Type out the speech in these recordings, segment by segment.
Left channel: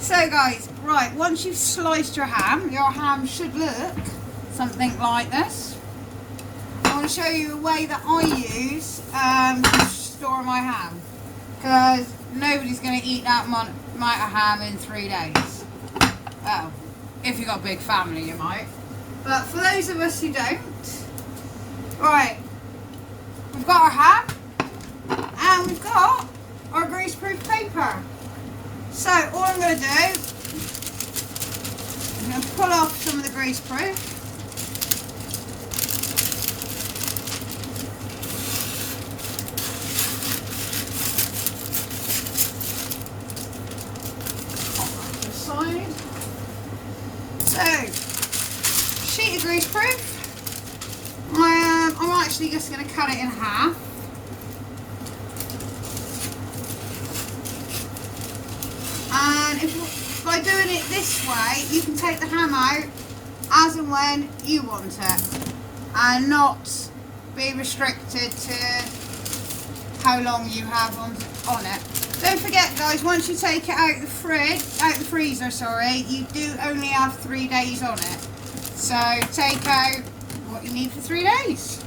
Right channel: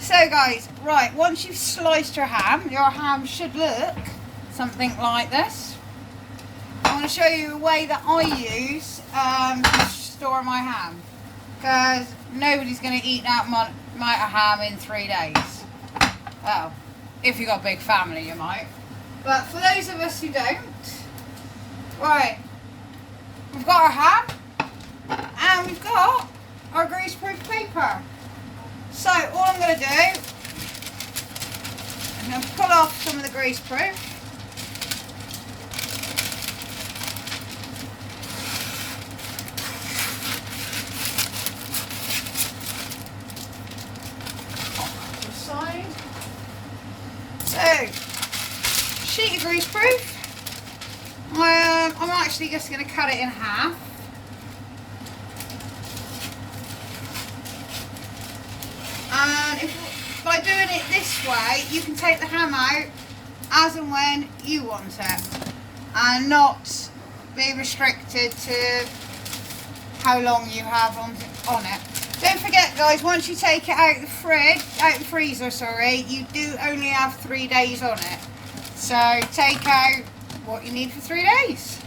So guys, right, once you've sliced your ham should look something like this. I want to show you a way that I use to store my ham, because nobody's going to eat that amount of ham in 3 days. Well, if you've got a big family you might, but for those of us who don't, right, we've got our ham and we've got our greaseproof paper. So all I'm going to do, I'm going to pull off some of the greaseproof. Off to the side. So, sheet of greaseproof. I'm actually just going to cut it in half. And by doing it this way, you can take the ham out as and when you want it, and not be restricted to how long you have on it. Don't forget, guys, once you take it out the freezer, you do only have 3 days on it. So take out what you need for 3 days.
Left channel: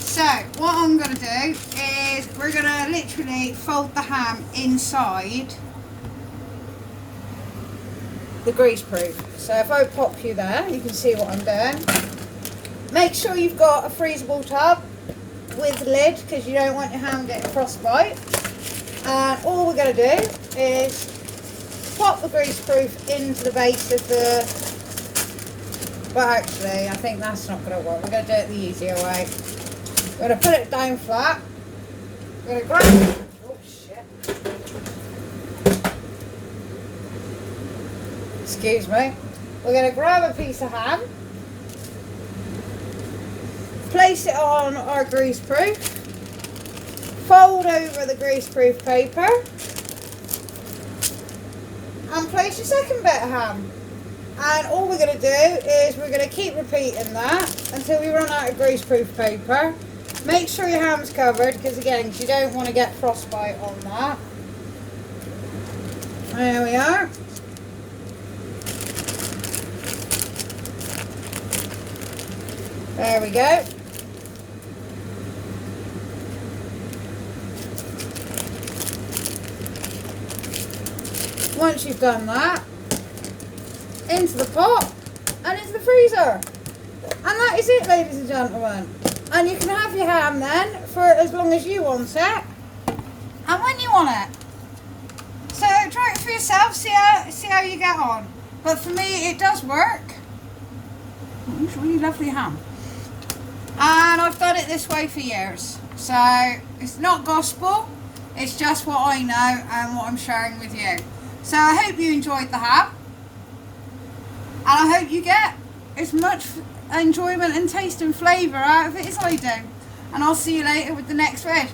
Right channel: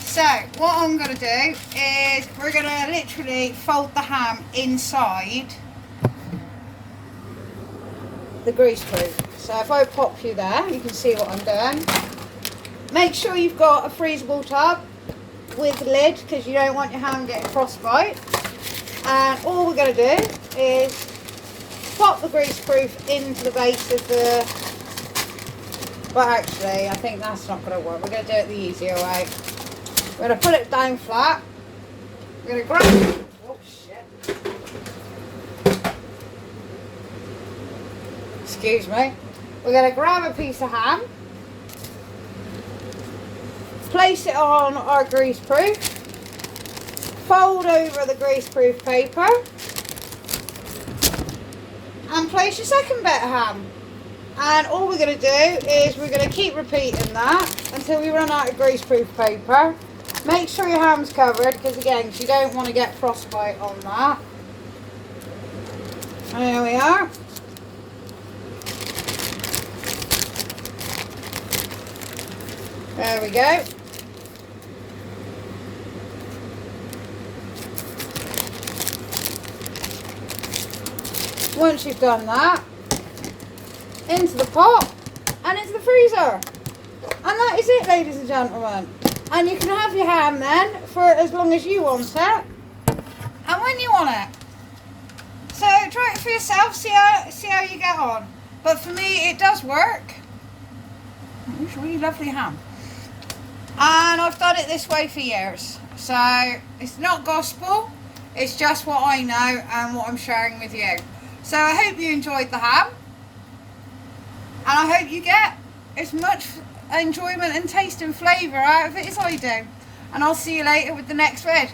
So what I'm going to do is we're going to literally fold the ham inside the greaseproof. So if I pop you there, you can see what I'm doing. Make sure you've got a freezable tub with lid, because you don't want your ham getting frostbite. And all we're going to do is pop the greaseproof into the base of the... Well, actually, I think that's not going to work. We're going to do it the easier way. We're going to put it down flat. We're going to grab... Oh, shit. Excuse me. We're going to grab a piece of ham, place it on our greaseproof, fold over the greaseproof paper, and place your second bit of ham. And all we're going to do is we're going to keep repeating that until we run out of greaseproof paper. Make sure your ham's covered, because again, you don't want to get frostbite on that. There we are. There we go. Once you've done that, into the pot and into the freezer. And that is it, ladies and gentlemen. And you can have your ham then for as long as you want it and when you want it. So try it for yourself, see how you get on. But for me, it does work. It's really lovely ham. And I've done it this way for years. So it's not gospel, it's just what I know and what I'm sharing with you. So I hope you enjoyed the ham. And I hope you get as much enjoyment and taste and flavour out of it as I do. And I'll see you later with the next vid.